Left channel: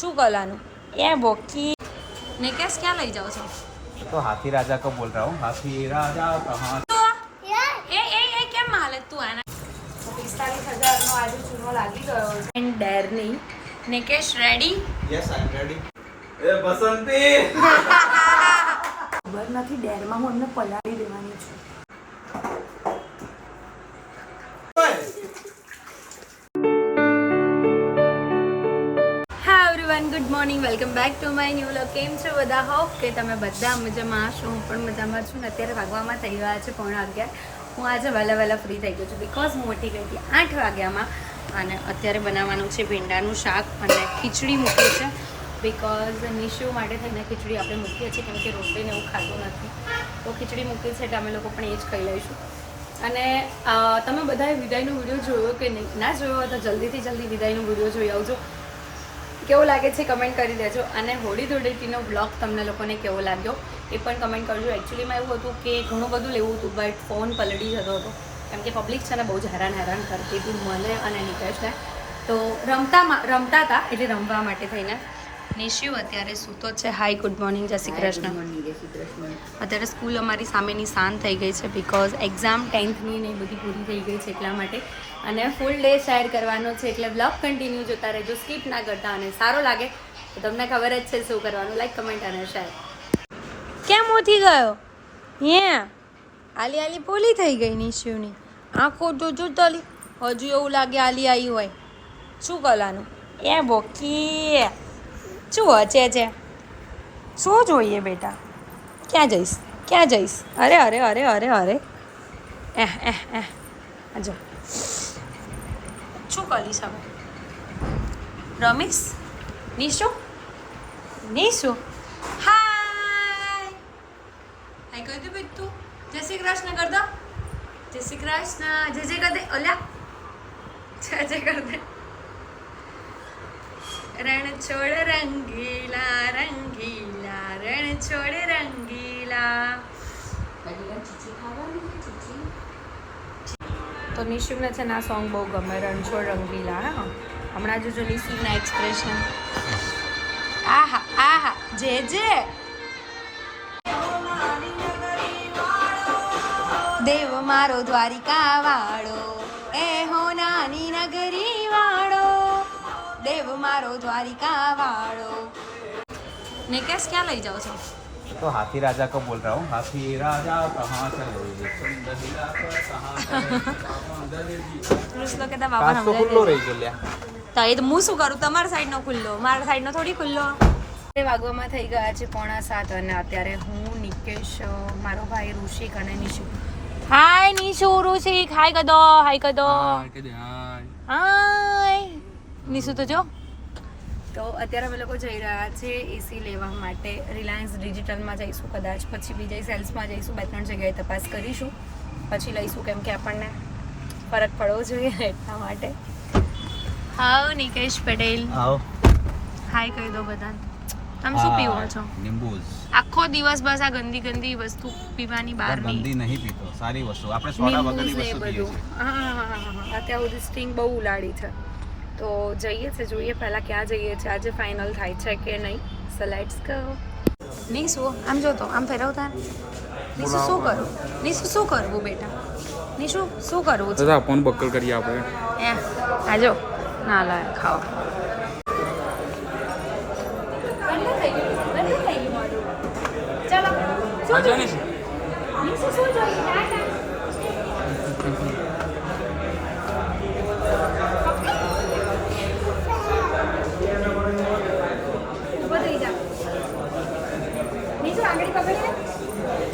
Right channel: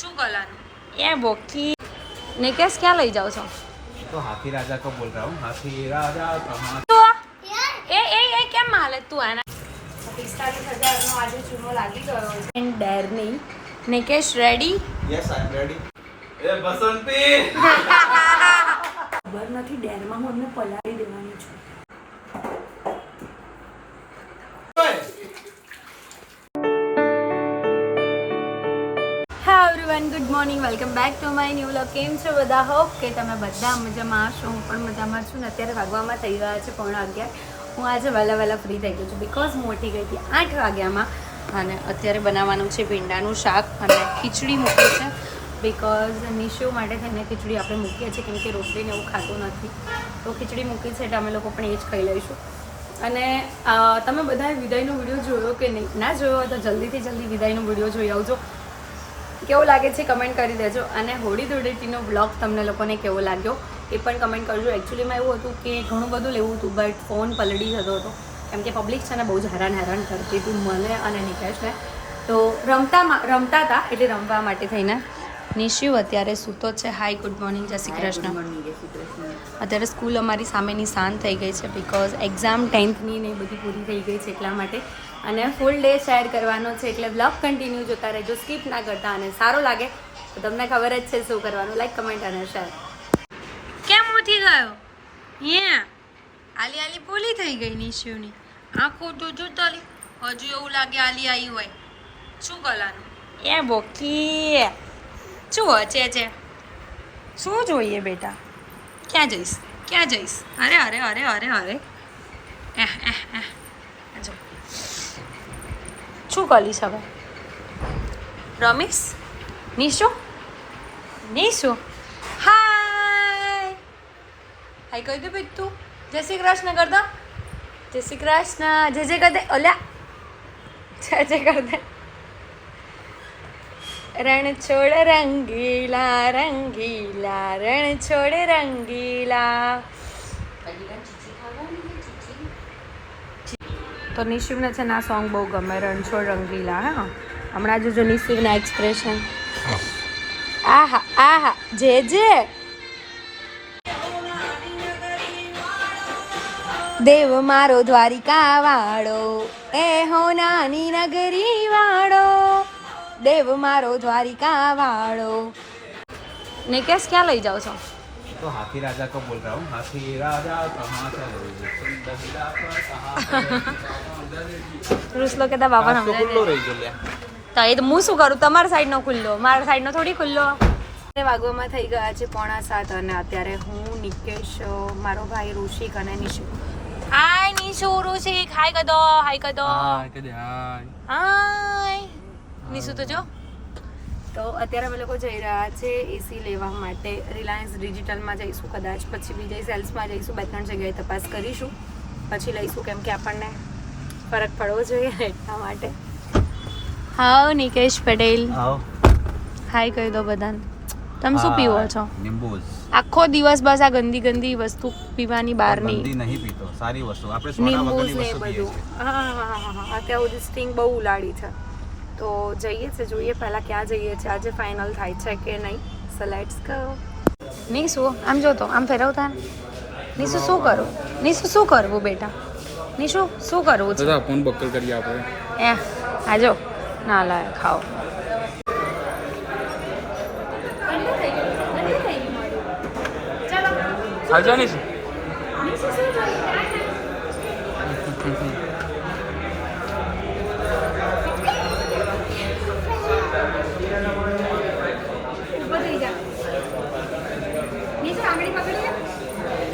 શું કરવાનું એ બોકી નિકેશ ક્યાં લઈ જાઓ છો? तो हाथी राजा को बोल रहा हूँ. हाथी राजा कहाँ? એ કેમ હાલે તું આના 45,000 નો આજુ ચૂનો લાગી ગયો છે. એન્ડ ડેરની Nikesh ready? Yes, I am ready. ए बसंती. ખબર નથી ડેરમાં હું એમને પલાળી દેવાની છું. હા everyone, good morning, welcome back to my new vlog. કેમ છો બધા? હોપ કે તમે બધા મજામાં હશો. હું પણ મજામાં છું ને અત્યારે વાગવામાં થઈ ગયા છે 11:15. હું આજે વહેલા ફ્રી થઈ ગઈ છું બિકોઝ હું ઉઠી ગઈ હતી 8 વાગ્યામાં અને અત્યારે બનાવવાનું છે ભીંડાનું શાક અને ખીચડી મૂકી છે બિકોઝ નિશુ માટે થઈને ખીચડી આપણે મૂકીએ છીએ કેમ કે રોટલીને એવું ખાતું નથી, તો ખીચડી મૂકી છે એટલે અમે લોકો પણ એ જ ખાઈ લઈશું. અને તમે બધાએ વિદાયનો વિડીયો જોયો કે નહીં? ના જોયો હોય તો જલ્દી વિદાયનો વિડીયો જોઈ આવજો. કેવો લાગે છે કમેન્ટ કરી દેજો. અને હોળી ધૂળેટીનો બ્લોગ તમને લોકોને કેવો લાગ્યો એ પણ કમેન્ટ કરજો. એકચ્યુઅલીમાં એવું હતું કે ઘણું બધું લેવું હતું બટ ફોન પલળી જતો હતો કેમ કે પબ્લિક છે ને બહુ જ હેરાન કરતી હતી મને અને નિકેશને. તો રમતા હતા એટલે રમવા માટે થઈને નિશુ અત્યારે સૂતો છે. હાય, ગુડ મોર્નિંગ, જય શ્રી કૃષ્ણ. અત્યારે સ્કૂલ અમારી સામેની શાંત થઈ ગઈ છે બિકોઝ એક્ઝામ 10thની ને બધી પૂરી થઈ ગઈ છે એટલા માટે. અને ફૂલ ડે શેર કરવાનો છે એટલે બ્લોગ કન્ટિન્યુ જોતા રહેજો, સ્કીપ ના કરતા. અને સારો લાગે તો તમને ખબર જ છે શું કરવાનું, લાઈક, કમેન્ટ અને શેર. કેમ ઉઠી ગયો? આલી પોલી થઈ ગઈ નિશુની આંખો જોજો તલી. હજુ એવું લાગે આલી આવી હોય. શું કરવાનું એ બોકી? શું વચે છે? શું જોઈએ બેટા? ક્યાં જઈશ? અરે અજો શું કરીશ હવે? રમીશ? નિશુ હાય કહી દે ભાઈ તું જય શ્રી કૃષ્ણ કર દો. જય શ્રી કૃષ્ણ. જય કર દે. ઓલ્યા જય કર દે. રણ છોડ રંગીલા રણ છોડ રંગીલા. તો નિશુને છે ને આ સોંગ બહુ ગમે, રણ છોડ રંગીલા. હા, હમણાં જો નિશુના એક્સપ્રેશન. આહા જે દેવ મારો દ્વારિકા વાળો, એ હો નાની નગરી વાળો, દેવ મારો દ્વારિકા વાળો. નિકેશ ક્યાં લઈ જાઓ છો? तो हाथी राजा को बोल रहा हूँ. हाथी राजा कहाँ से? રૂસલો કેતા બાબા ખુલ્લો રહી ગયો. તો એ તો હું શું કરું? તમારા સાઈડનો ખુલ્લો, મારા સાઈડનો થોડી ખુલ્લો. વાગવામાં થઈ ગયા છે 6:45 અને અત્યારે હું, નિકેશ, મારો ભાઈ ઋષિક અને નિશુ. હાય નિશુ, ઋષિક હાય કદો. હાય નિશુ તો જો. તો અત્યારે અમે લોકો જઈ રહ્યા છે એસી લેવા માટે. રિલાયન્સ ડિજિટલમાં જઈશું કદાચ, પછી બીજા સેલ્સમાં જઈશું, 2-3 જગ્યાએ તપાસ કરીશું પછી લઈશું કેમ કે આપણને ફરક પડવો જોઈએ એટલા માટે. હાઉ નિકેશ પટેલ. હાય કહી દો બધાને. તમે શું પીવો છો? નિંબુઝ. આખો દિવસ બસ આ ગંદી વસ્તુ પીવાની બહારની. ગંદી નહીં પીતો, સારી વસ્તુ. આપણે સોડા નિંબુઝ વગરની ને વસ્તુ બધું. હા અત્યારે સુધી સ્ટિંગ બહુ ઉલાડી છે તો જોઈએ પહેલા ક્યાં જઈએ છે આજે ફાઇનલ થાય છે કે નહીં. So let's go. નિશુ આમ જો તો આમ ફેરવતા. નિશુ શું કરવું બેટા? નિશુ શું કરવું છે? દાદા ફોન બક્કલ કરી આપો. આજો ના લાય ખાઓ. હાલજો નિશુ.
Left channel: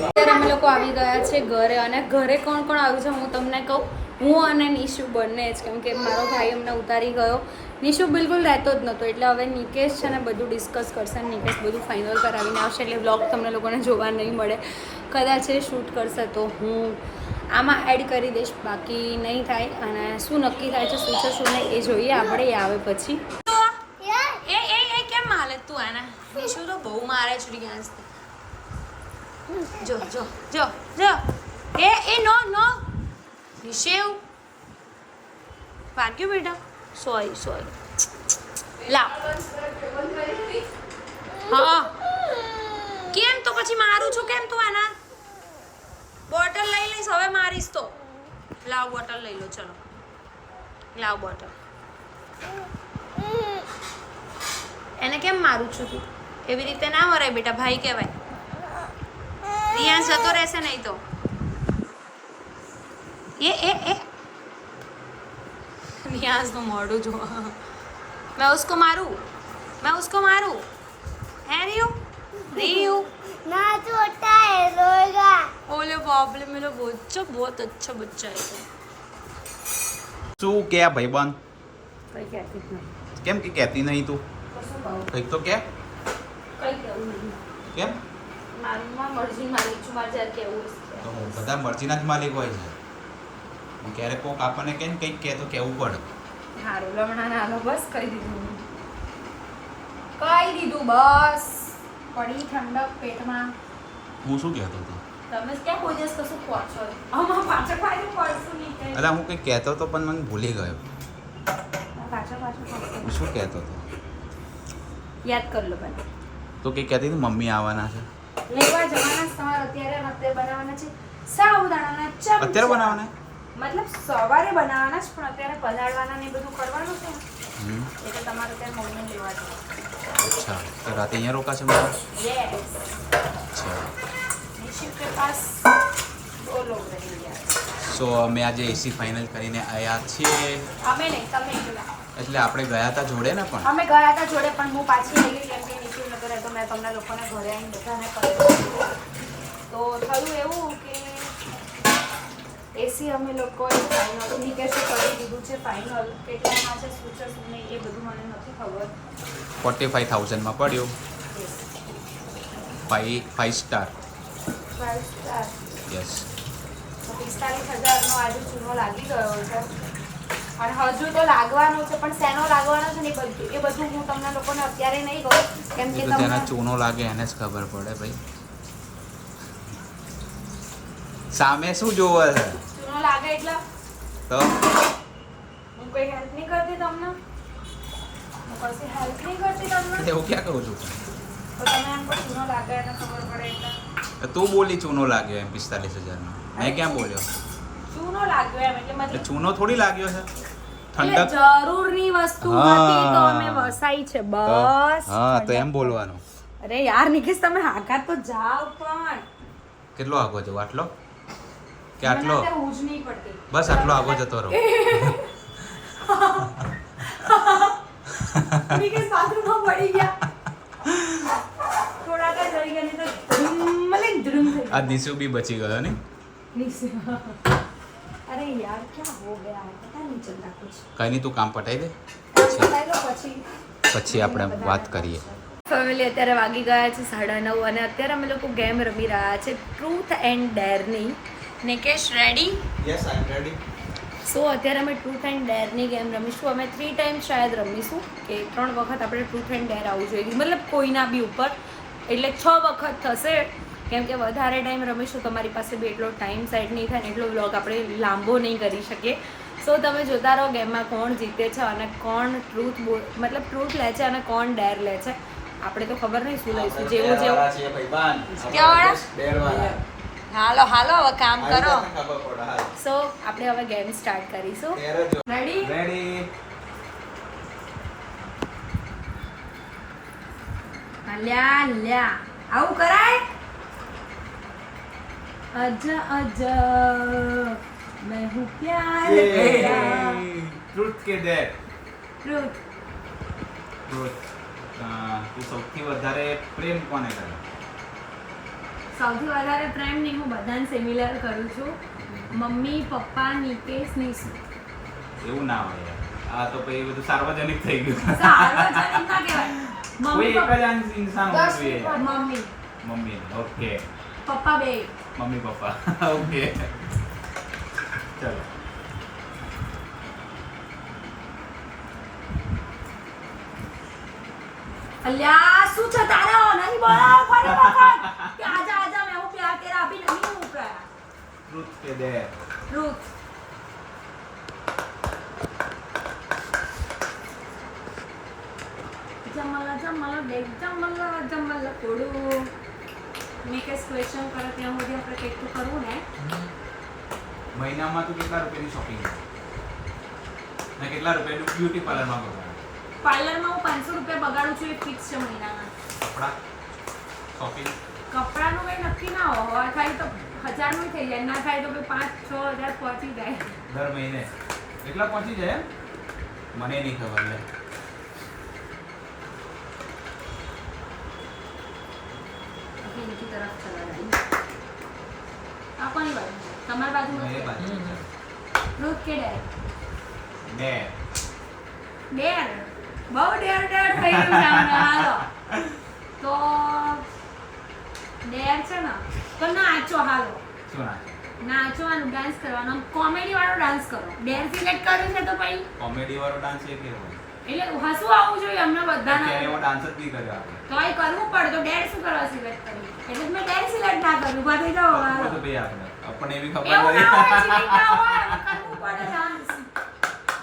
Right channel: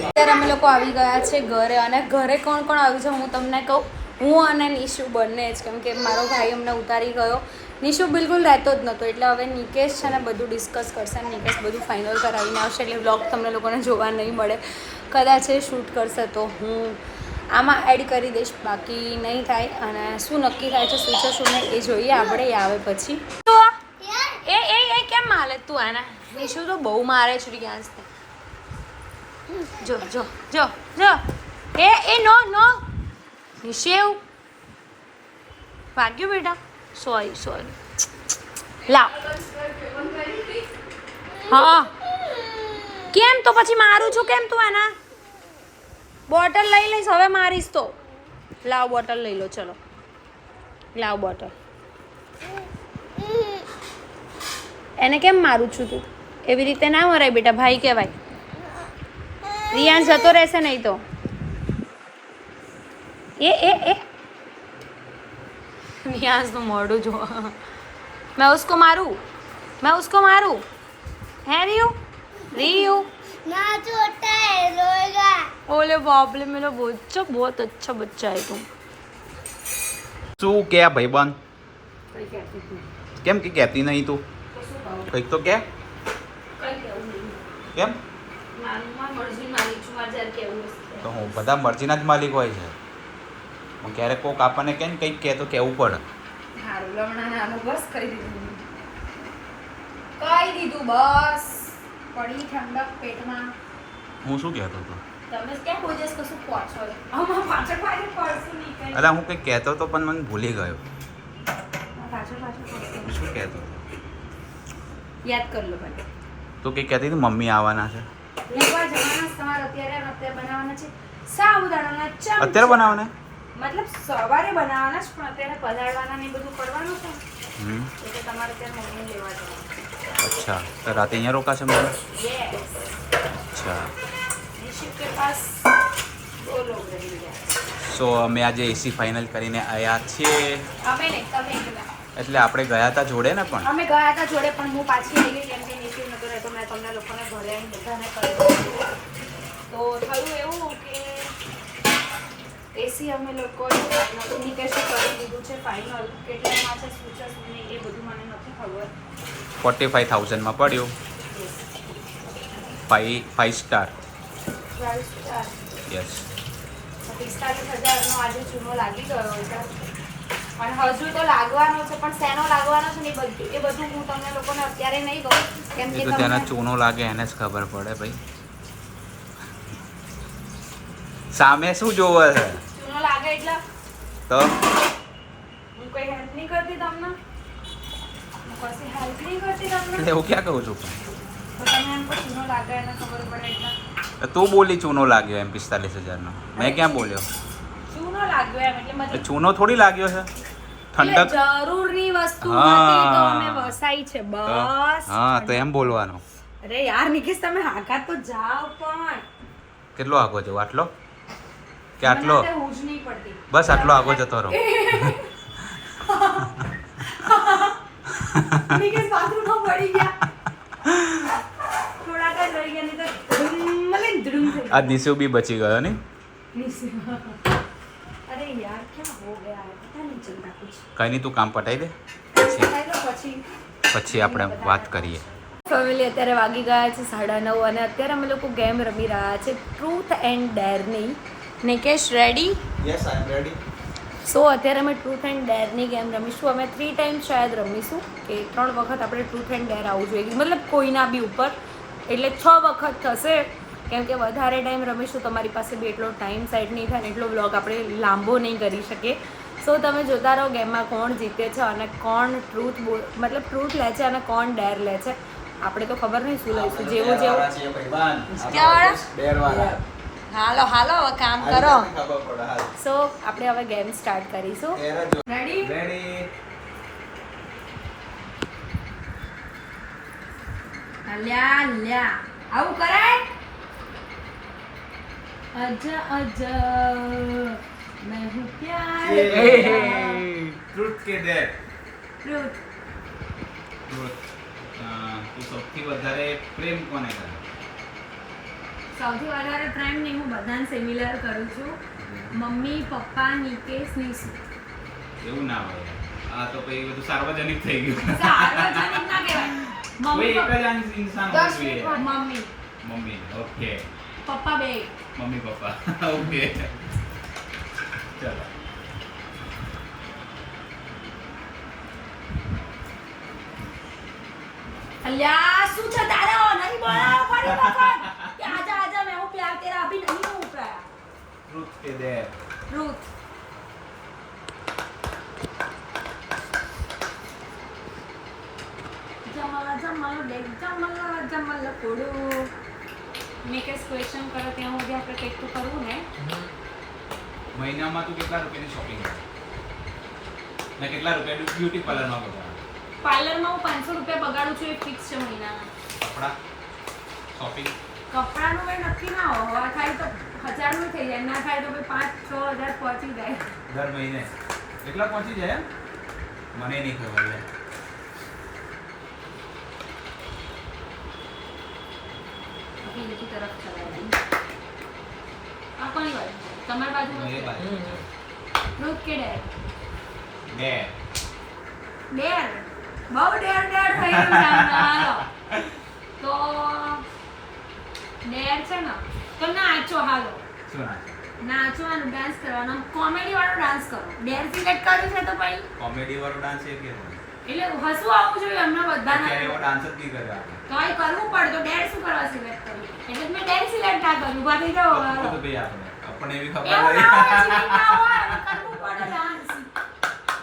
અત્યારે અમે લોકો આવી ગયા છે ઘરે. અને ઘરે કોણ આવ્યું છે હું તમને કહું. હું અને નિશુ બંને જ, કેમ કે મારો ભાઈ અમને ઉતારી ગયો. નિશુ બિલકુલ રહેતો જ નહોતો એટલે હવે નિકેશ છે ને બધું ડિસ્કસ કરશે અને નિકેશ બધું ફાઇનલ કરાવીને આવશે એટલે વ્લોગ તમને લોકોને જોવા નહીં મળે. કદાચ એ શૂટ કરશે તો હું આમાં એડ કરી દઈશ, બાકી નહીં થાય. અને શું નક્કી થાય છે શું છે શું નહીં એ જોઈએ આપણે, એ આવે પછી. એ કેમ માલે તું આના? નિશુ તો બહુ મારે છે રિયાન્સને. જો એ નો નિશેવ વાગ્યું બેટા. સોરી લાવ હા કેમ તો પછી મારું છું કેમ તું આના બોટલ લઈ લઈશ હવે મારીશ તો લાવ બોટલ લઈ લો ચલો લાવ બોટલ એને કેમ મારું છું તું એવી રીતે ના મરાય બેટા ભાઈ કહેવાય રિયાન્સ જતો રહેશે નહીં તો એ रियाज तो मोड़ू जो मैं उसको मारूं है रियू ना छोटा है रोएगा ओले बाप रे मेरा बच्चा बहुत अच्छा बच्चा है तू શું કે ભાઈબંધ कई कहती हूँ કેમ કે કહેતી નહીં તું કંઈક તો કે कई कहूँ नहीं કેમ मारूंगा मर्जी मालिक છું મારે જ્યારે કહેવું હશે તો હું બધા મરજીના જ માલિક હોય છે પણ ક્યારેક કોક આપણને કે ને કંઈક કહે તો કહેવું પડે હારું લમણા નાનો બસ કહી દીધું બસ પડી ઠંડક પેટમાં હું શું કહેતો હતો તમે ક્યાં કોઈ દિવસ કશું પહોંચો આમાં પાછળ પડશું નહીં કઈ અરે હું કંઈક કહેતો હતો પણ મને ભૂલી ગયો પાછળ પડશું હું શું કહેતો હતો યાદ કર લો બને તો કંઈક કહેતી હતી મમ્મી આવવાના છે લેવા જવાના તમારે અત્યારે બનાવવાના છે સાબુદાણાના ચમચા અત્યારે બનાવવાના મતલબ સવારે બનાવવાના જ પણ અત્યારે પધારવાના ને એ બધું કરવાનું છે હમ એટલે તમારે અત્યારે મમ્મીને લેવા જવાનું અચ્છા તો રાતે અહીંયા રોકાશે બધા यस અચ્છા निशित के पास दो लोग रहेंगे સો અમે આજે એસી ફાઇનલ કરીને આવ્યા છીએ અમે નહીં તમે એકલા એટલે આપણે ગયા હતા જોડે ને પણ અમે ગયા હતા જોડે પણ હું પાછી આવી ગઈ કેમ કે નિશિત નતો રહેતો મેં તમને લોકોને ઘરે આવીને બધાને કહ્યું તો થયું એવું કે એસી અમે લોકોએ ફાઇનલ નિકેશે કરી દીધું છે ફાઇનલ કેટલામાં છે શું છે શું નહીં એ બધું મને નથી ખબર 45,000માં પડ્યું 5 સ્ટાર 5 સ્ટાર યસ 45,000નો આજે ચૂનો લાગી ગયો છે અને હજુ તો લાગવાનો છે પણ શેનો લાગવાનો છે ને એ બધું હું તમને લોકોને અત્યારે નહીં કહું કેમ કે એ તો જેના ચૂનો લાગે એને જ ખબર પડે ભાઈ સામે શું જોવે છે ચૂનો લાગે એટલે તો હું કોઈ હેલ્પ નહીં કરતી તમને હું કશી હેલ્પ નહીં કરતી તમને એવું ક્યાં કહું છું પણ તો તમે એમ કહો ચૂનો લાગે એને ખબર પડે એટલે તો તું બોલી ચૂનો લાગ્યો એમ 45,000નો મેં ક્યાં બોલ્યો ચૂનો લાગ્યો એમ એટલે એ મતલબ ચૂનો થોડી લાગ્યો છે એટલે ઠંડક જરૂરની વસ્તુ હા. હતી તો અમે વસાઈ છે બસ હા તો એમ બોલવાનું અરે યાર નિકેશ તમે હાકાત તો જાઓ પણ કેટલો આગો જવો આટલો કે આટલો મને અત્યારે ઊંઘ નહીં પડતી બસ આટલો આગો જતો રહો નિકેશ બાથરૂમમાં પડી ગયા થોડા ટાઈમ રહી ગયા નહીં તો ધૂમ થઈ આ દિશુ બી બચી ગયો ને નીચે અરે યાર ક્યાં હો ગયા હે પતા નહીં ચલતા કુછ કઈ નહીં તું કામ પટાઈ દે પછી આપણે વાત કરીએ ફેમિલી અત્યારે વાગી ગયા છે 9:30 અને અત્યારે અમે લોકો ગેમ રમી રહ્યા છે ટ્રુથ એન્ડ ડેરની Nikesh ready yes I am ready so અત્યારે અમે ટ્રુથ એન્ડ ડેરની ગેમ રમીશું અમે 3 ટાઈમ શાયદ રમીશું કે 3 વખત આપણે ટ્રુથ એન્ડ ડેર આવવું જોઈએ મતલબ કોઈના બી ઉપર એટલે 6 વખત થશે કેમ કે વધારે ટાઈમ રમીશું તમારી પાસે બી એટલો ટાઈમ સાઈડ નહીં થાય ને એટલો વ્લોગ આપણે લાંબો નહીં કરી શકીએ સો તમે જોતા રહો ગેમમાં કોણ જીતે છે અને કોણ મતલબ ટ્રુથ લે છે અને કોણ ડેર લે છે આપણે તો ખબર નહીં શું લઈશું જેવું હાલો હવે કામ કરો સો આપણે હવે ગેમ સ્ટાર્ટ કરીશું રેડી રેડી લ્યા આવું કરાય અજા मैं हूँ प्यार ટ્રુથ કે ડેર ट्रुथ ટ્રુથ તું સૌથી વધારે પ્રેમ કોને કરે સૌથી વધારે પ્રેમ નહીં હું બધાને સિમિલર કરું છું મમ્મી પપ્પા નિકેશ નિશુ એવું ના હોય આ તો પછી બધું સાર્વજનિક થઈ ગયું સાર્વજનિક ના કહેવાય કોઈ મમ્મી એક જ ઇન્સાન હોવું જોઈએ મમ્મી મમ્મી ઓકે પપ્પા બે મમ્મી પપ્પા ઓકે ચલો અલ્યા શું છે તારો નહીં બોલાવો ફરી વખત કે આજા मैं हूँ प्यार तेरा अभी नहीं हूँ प्यार ટ્રુથ કે ડેર truth Jamal bag Jamal કોડું મેકેસ question કરો ત્યાં સુધી આપણે કંઈક તો કરવું ને. મહિનામાં તું કેટલા રૂપિયાની શોપિંગ કરે ને કેટલા રૂપિયાનું બ્યુટી પાર્લરમાં બગાડે? પાર્લરમાં હું 500 રૂપિયા બગાડું છું, એ ફિક્સ છે મહિનાના. કપડા શોપિંગ કપડાનું કંઈ નક્કી ના હોય, થાય તો 1000 નું થઈ જાય, ના થાય તો 5-6 હજાર પહોંચી જાય. દર મહિને કેટલા પહોંચી જાય? મને નહીં ખબર લે. બીજી તરફ ચલાવી આ કોની બાજુ છે? તમારી બાજુ મેરે બાજુ છે. રૂટ કે ડેર? ડેર. ડેર બહુ ડેર થઈ ગયું છે આમને. હાલો તો ડેર છે ને તો નાચો. હાલો શું નાચે? નાચવાનું, ડાન્સ કરવાનો, કોમેડી વાળો ડાન્સ કરો. ડેર સિલેક્ટ કર્યું છે તો પછી કોમેડી વાળો ડાન્સ એ કેવો હોય? એટલે હસવું આવવું જોઈએ અમને બધાને. અત્યારે એવો ડાન્સ જ નહીં કર્યો આપણે. તો એ કરવું પડે તો ડેર શું કરવા સિલેક્ટ કર્યું? એટલે મેં ડેર સિલેક્ટ ના કર્યું. ઉભા થઈ જાઓ. તો હાલો. તો ભાઈ આપણને એવી ખબર એવું નથી. ના હોય, select ના હોય, એમાં કરવું પડે dance.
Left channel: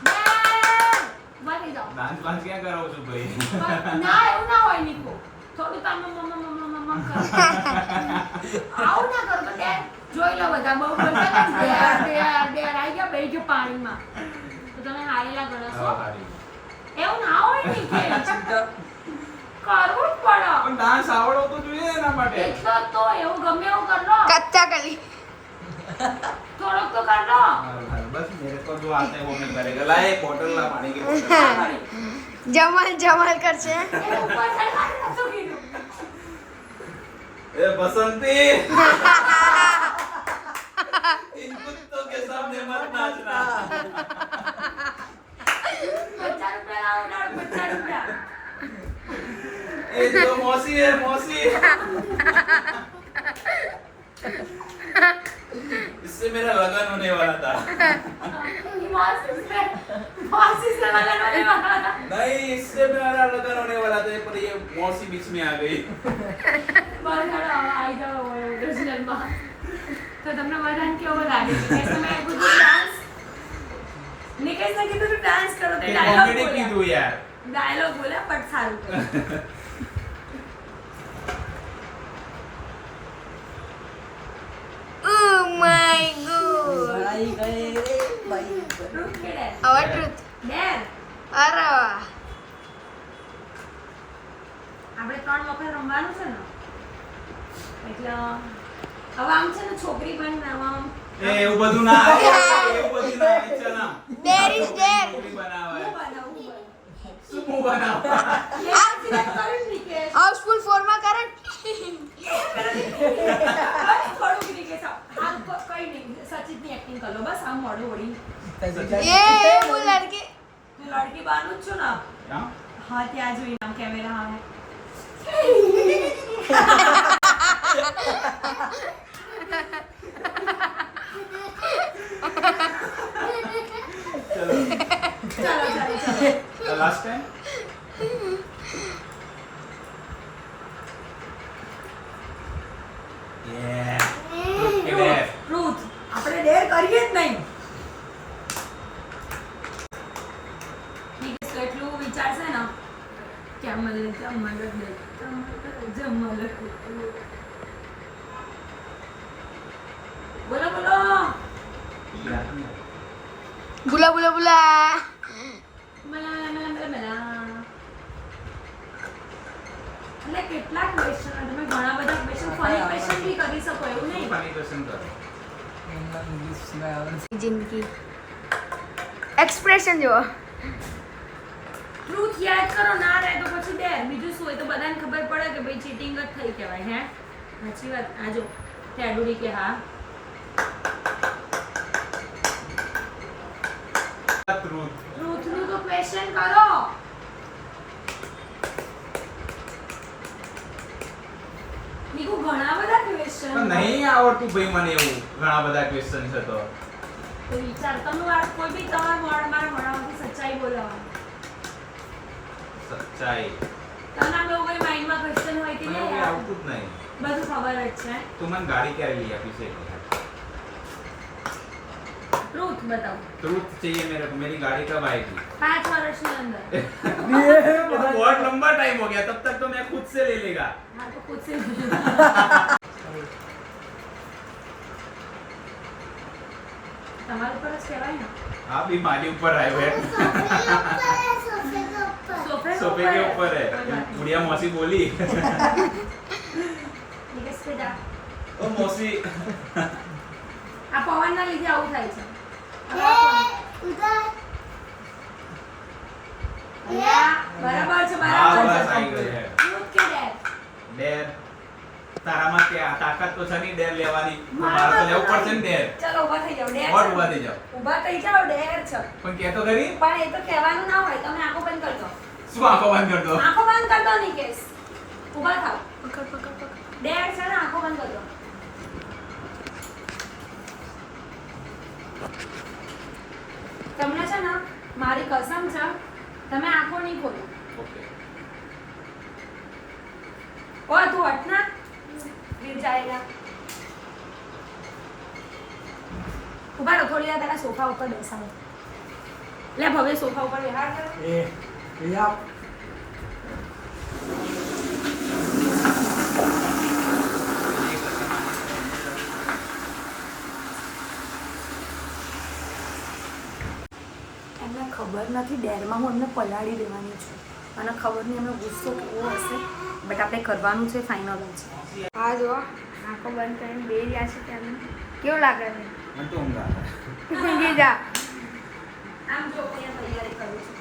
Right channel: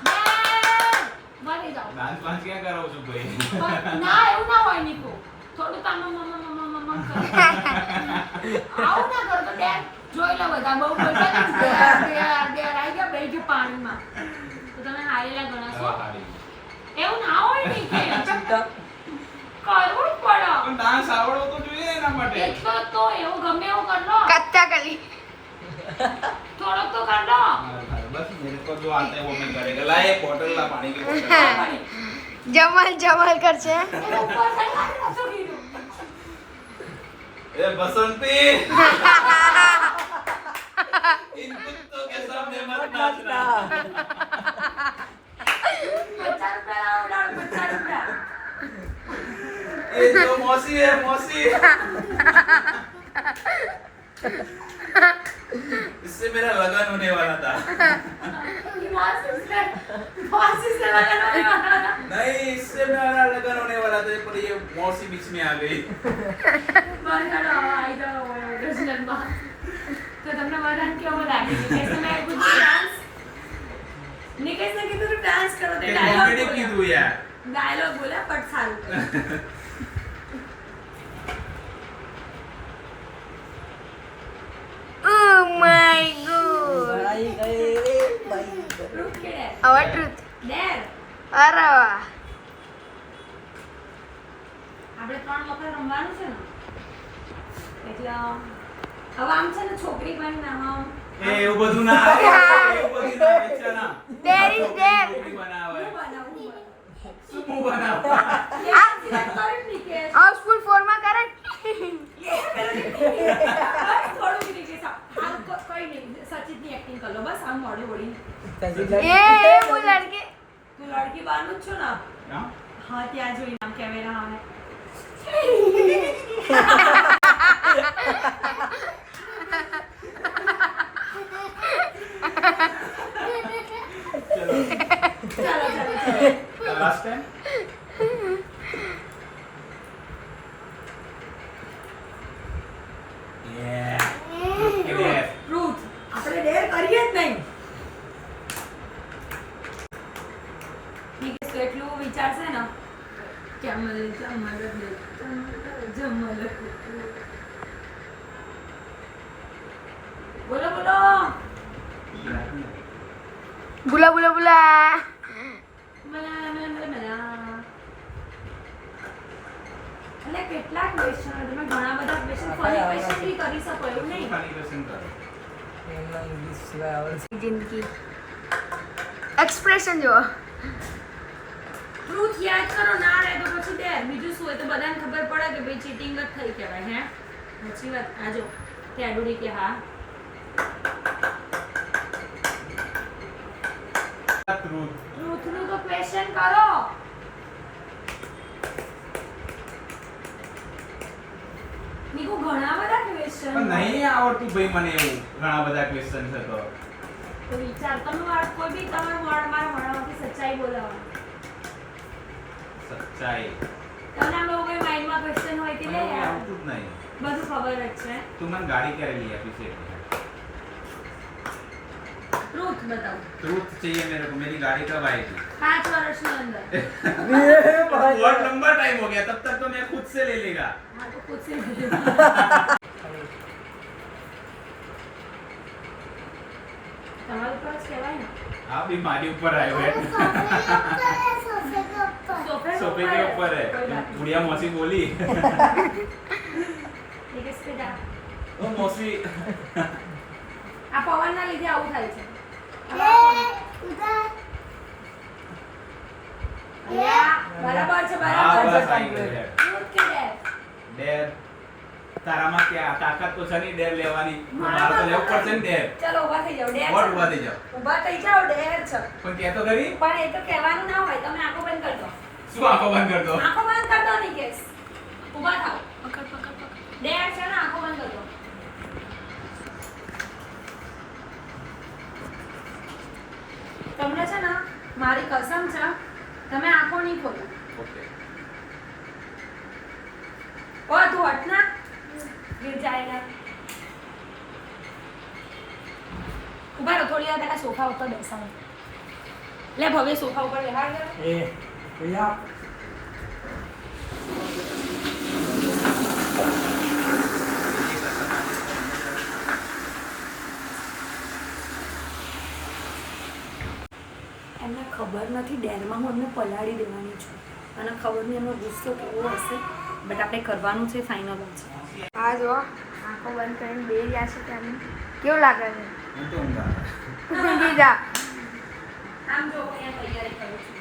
ડેર! ઉભા થઈ જાઓ. ડાન્સ બાન્સ ક્યાં કરાવું છું ભાઈ? ના એવું ના હોય નીકુ. થોડું કામ કરો. આવું ના કરો તો ડેર જોઈ લો બધા બહુ બોલતા ને ડેર આઈ ગયા બેહી ગયો પાણીમાં. તો તમે હારેલા ગણો છો. હા, હારી. એવું ના હોય ને કે કરવું જ પડે. પણ ડાન્સ આવડવો તો જોઈએ એના માટે. એટલો જ તો એવું ગમે એવું કર લો. कच्चा कली થોડોક તો કર લો. बस मेरे को जो आता है वो मैं करेगा. ला एक बोतल ला पानी की बोतल. जमाल जमाल कर से એટલે ઉપર ચડવાનું નતું કીધું. ए बसंती इन कुत्तों के सामने मत नाचना. 50 રૂપિયા લાવો, 50 રૂપિયા. ये तो मौसी है मौसी. इससे मेरा लगन होने वाला था. मौसी से लगाने वाला था. नहीं इससे मेरा लगन होने वाला था पर ये मौसी बीच में आ गई. બસ હેડો, આઈ જાઓ મારા ઓડિશનમાં. તો તમને બધાને કેવું લાગે છે? કે તમે બધું ડાન્સ નિકેશને કીધું તું ડાન્સ કરો તે कॉमेडी की तू यार. ડાયલોગ બોલ્યા બટ સારું કર્યું. Oh my god રૂટ કે ડેર? our truth ડેર. अरे वाह આપણે 3 વખત રમવાનું છે ને એટલે હવે આમ છે ને છોકરી પણ આમ ए એવું બધું ના આવે. એવું બધું ના ઈચ્છા ના. There is there. છોકરી બનાવે. હું બનાવું શું હું બનાવ? સિલેક્ટ કરો નિકેશ. हाउसफुल फोर में करंट બસ થોડું નિકેશ આ કોઈ નહીં સચિતની એક્ટિંગ કરો બસ આમ મોઢું વળી. ये वो लड़के તું લડકી બાનું જ છો ને? હા? હા ત્યાં જોઈ આમ કેમેરા આવે. ચલો ચાલો લાસ્ટ ટાઈમ. યે. ટ્રુથ આપણે ડેર કરીએ જ નહીં. નિકેશ તો એટલું વિચારશે ને કે અમલ જમલ બોલો બોલો. बुला बुला बुला મલા મલા મલા મલા. એટલે કેટલાક ક્વેશ્ચન તમે ઘણા બધા ક્વેશ્ચન ફની ક્વેશ્ચન બી કરી શકો એવું નહીં. ફની ક્વેશ્ચન કરો. जिंदगी एक्सप्रेशन जो ટ્રુથ યાદ કરો ના રહે તો પછી ડેર. બીજું શું હોય તો બધાને ખબર પડે કે ભાઈ ચીટિંગ જ થઈ કહેવાય. હે સાચી વાત. આ જો તે આડુડી કે હા ટ્રુથ. ટ્રુથનું તો ક્વેશ્ચન કરો. નીકુ ઘણા બધા ક્વેશ્ચન પણ નહીં આવડતું ભાઈ મને એવું ઘણા બધા ક્વેશ્ચન છે તો તો વિચાર તમે કોઈ બી તમારા મારા મોઢામાંથી સચ્ચાઈ બોલાવવાની. સચ્ચાઈ. તને આમ એવું કોઈ માઇન્ડમાં ક્વેશ્ચન હોય કે મને લે એવું યાર આવતું જ નહીં. બધું ખબર જ છે. તું મને ગાડી ક્યારે લઈ આપી છે? ट्रूथ बताओ। ट्रूथ चाहिए मेरे को, मेरी गाड़ी कब आएगी? 5 વર્ષની અંદર। बहुत लंबा टाइम हो गया, तब तक तो मैं खुद से ले लेगा। हाँ तो खुद से તમારું પર જ કહેવાય ને। आप भी माली ऊपर आए हुए हैं। सोफे के ऊपर है। बुढ़िया मौसी बोली નિકેશ બેટા, ओ मौसी આ પવનના લીધે આવું થાય છે। અલ્યા, બરાબર છે, हाँ બરાબર बस છે। आई गए हैं। Truth કે dare? डेर તારામાં क्या તાકાત તો છે નહીં ડેર લેવાની, તો મારા મારે તો લેવું પાસે પડશે ને ડેર। ચલો ઊભા થઈ જાઓ, dare ઓર છે। ઊભા થઈ જાઓ, ઊભા થઈ જાઓ, dare છે। પણ કે તો ખરી પણ એ તો કહેવાનું ના હોય, તમે આંખો બંધ કરજો। શું આંખો બંધ કરતો? આંખો બંધ કર દો નિકેશ, ઊભા થાઓ। dare છે ને, આંખો બંધ કરજો। તમને છે ને મારી કસમ છે, તમે આંખો નહીં ખોલો। ઓકે ઓ તું હટ ના, गिर जाएगा। ઊભા રહો, થોડી વાર પહેલા સોફા ઉપર બેસાડો। લે ભવ્ય સોફા ઉપર બેસાડ દે। એમને ખબર નથી, ડેરમાં હું એમને પલાળી દેવાની છું અને ખબર નહીં એમનો ગુસ્સો કેવો હશે, બટ આપણે કરવાનું છે, ફાઇનલ જ છે। આ જો આંખો બંધ કરીને બે રહ્યા છે ત્યાં, કેવું લાગે છે? મને તો ઊંઘ આવે। તું ઊંઘી જા। આમ જો અહીંયા તૈયારી કરું છું।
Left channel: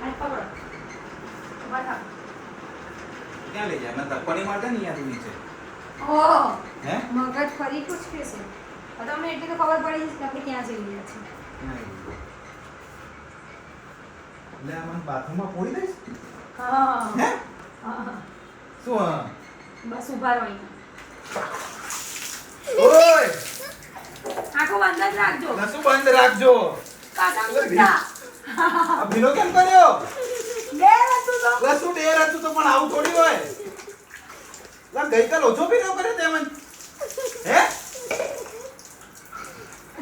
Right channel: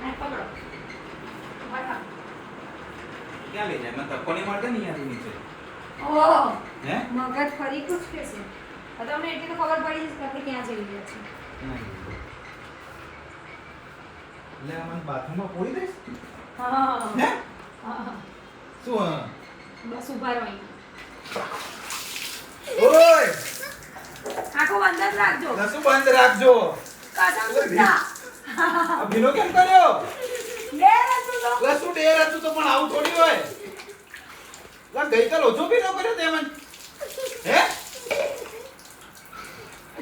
હાથ પકડો, ઊભા થાઓ। ક્યાં લઈ જાય? મને ધક્કો નહીં મારતા ને યાર નીચે? ઓહ, હે મગજ ફરી કુછ કે છે? હવે તમને એટલી તો ખબર પડી જશે કે આપણે ક્યાં જઈ રહ્યા છીએ। લે મને બાથરૂમમાં પોડી દઈશ? હા હે હા, શું હા? બસ ઊભા રહો અહીંયા। ઓય આંખો બંધ જ રાખજો, નસું બંધ રાખજો। કાકા ગુસ્સા। આ ભીનો કેમ કર્યો? બે હતું તો લા શું ડેર હતું તો પણ આવું થોડી હોય? લા ગઈકાલ ઓછો ભીનો કર્યો તે મને? હે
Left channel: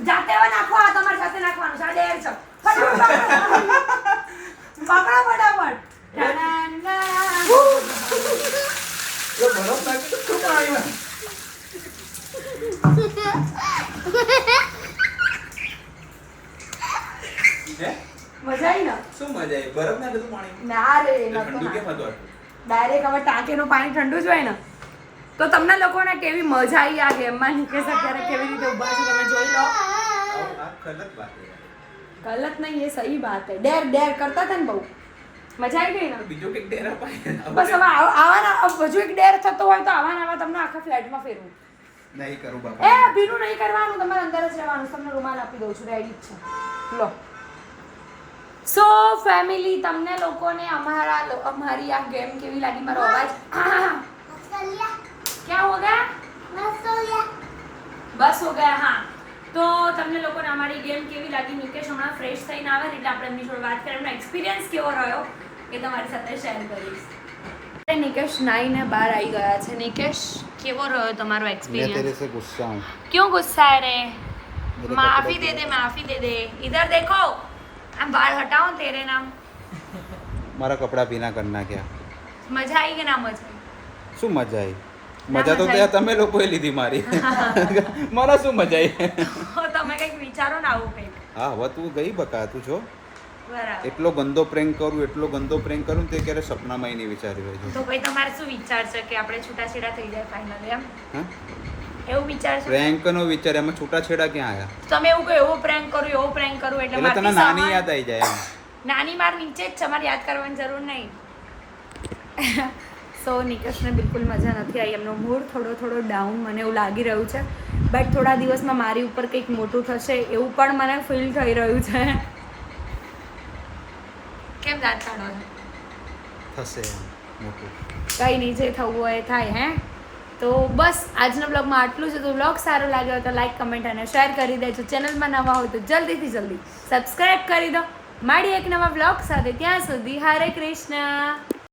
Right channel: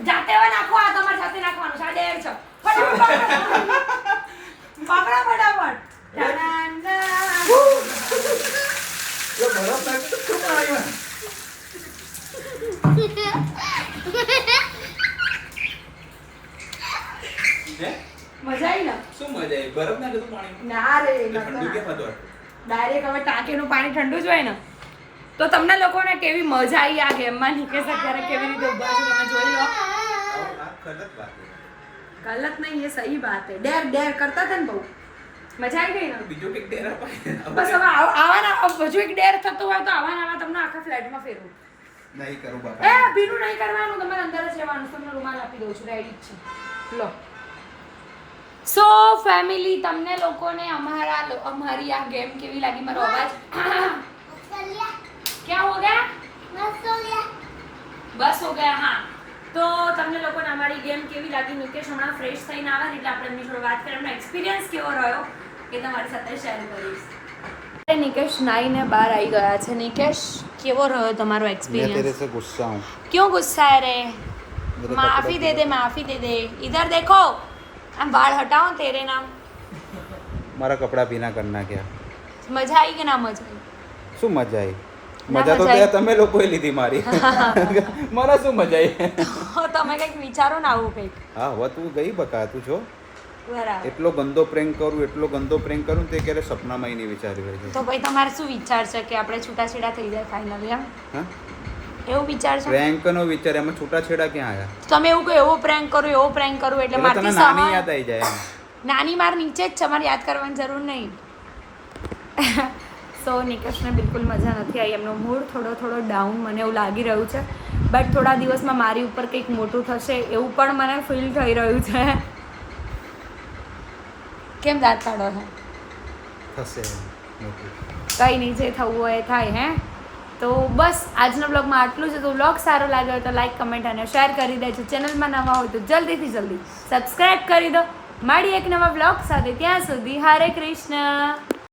જાતે હવે નાખો, આ તમારી સાથે નાખવાનું છે, આ ડેર છે। ફટાફટ પકડો, પકડો ફટાફટ। ટાણાના। લો બરફ નાખી તો શું આવ્યું? હે મજા આવી ને? શું મજા આવી? બરફ નાખી તો પાણી ના રે, ઠંડુ કેમ હતું? ડાયરેક્ટ હવે ટાંકીનું પાણી ઠંડુ જ હોય ને, તો તમને લોકોને કેવી મજા આવી આ ગેમમાં। નિકેશ અત્યારે કેવી રીતે ઊભા છે તમે જોઈ લો। આ ગલત વાત છે। गलत नहीं, ये सही बात है। डेर डेर करता था ने बहू, मजा આવી ગઈ ને? બીજો કઈક ડેર અપાય। બસ હવે આવા હજુ એક ડેર થતો હોય તો આવા તમને આખા ફ્લેટમાં ફેરવું। નહીં કરું એ બાપા। ભીનું નહીં કરવાનું, તમારે અંદર જ રહેવાનું। તમને રૂમાલ આપી દઉં છું, રેડી જ છે, લો। સો ફેમિલી, તમને લોકોને અમારી આ ગેમ કેવી લાગી? મારો અવાજ क्या हो गया? बस हो गया। हाँ, તો તમને લોકોને અમારી ગેમ કેવી લાગી? નિકેશ હમણાં ફ્રેશ થઈને આવે એટલે આપણે એમની જોડે વાત કરીએ, એમનો એક્સપિરિયન્સ કેવો રહ્યો એ તમારી સાથે શેર કરીશ। નિકેશ નાઈને બહાર આવી ગયા છે। નિકેશ, કેવો રહ્યો તમારો मैं एक्सपीरियंस? तेरे से गुस्सा हूँ। क्यों गुस्सा है रे? मेरे माफी कपड़े दे दे, माफी दे दे। इधर देखो, हम बाल हटाओ तेरे नाम। મારા કપડા ભીના કરી નાખ્યા। મજા આવી કે ના મજા આવી? શું મજા આવી? ના મજા તો મજા ત્યાં તમે લોકોએ લીધી મારી। મને શું મજા આવી? તમે કંઈક વિચારો ને આવું કંઈક। હા હવે તું ગઈ બકા, તું છો બરાબર, એટલો ગંદો પ્રેન્ક કરું, એટલો ગંદો પ્રેન્ક કરું તે ક્યારે સપનામાં નહીં વિચાર્યું હોય તો ભાઈ તમારે શું વિચાર છે કે આપણે છૂટાછેડા થઈ જાય ફાઇનલી? હા એવું વિચાર છે? પ્રેન્કનો વિચાર, એમાં છૂટાછેડા ક્યાં આવ્યા? તમે એવું કહો, એવો પ્રેન્ક કરું, એવો પ્રેન્ક કરું એટલે એટલે તને મારથી નાની સવાલ- યાદ આવી જાય એમ। નાની માર નીચે જ છે, મારે યાદ કરવાની જરૂર નહીં। સો નિકેશને બિલકુલ મજા નથી આવી, એમનો મૂડ થોડો ડાઉન મને એવું લાગી રહ્યું છે। બટ થોડા દિવસમાં મારી ઉપર કંઈક મોટું થશે એવું પણ મને ફીલ થઈ રહ્યું છે। કેમ દાંત કાઢો છો? થશે એમ મોટું। કંઈ નહીં, જે થવું હોય એ થાય। હે તો બસ આજના બ્લોગમાં આટલું છે. તો બ્લોગ સારો લાગ્યો હોય તો લાઈક કમેન્ટ અને શેર કરી દેજો. ચેનલમાં નવા હોય તો જલ્દી સબસ્ક્રાઈબ કરી દો. મળીએ એક નવા બ્લોગ સાથે. ત્યાં સુધી હરે કૃષ્ણ.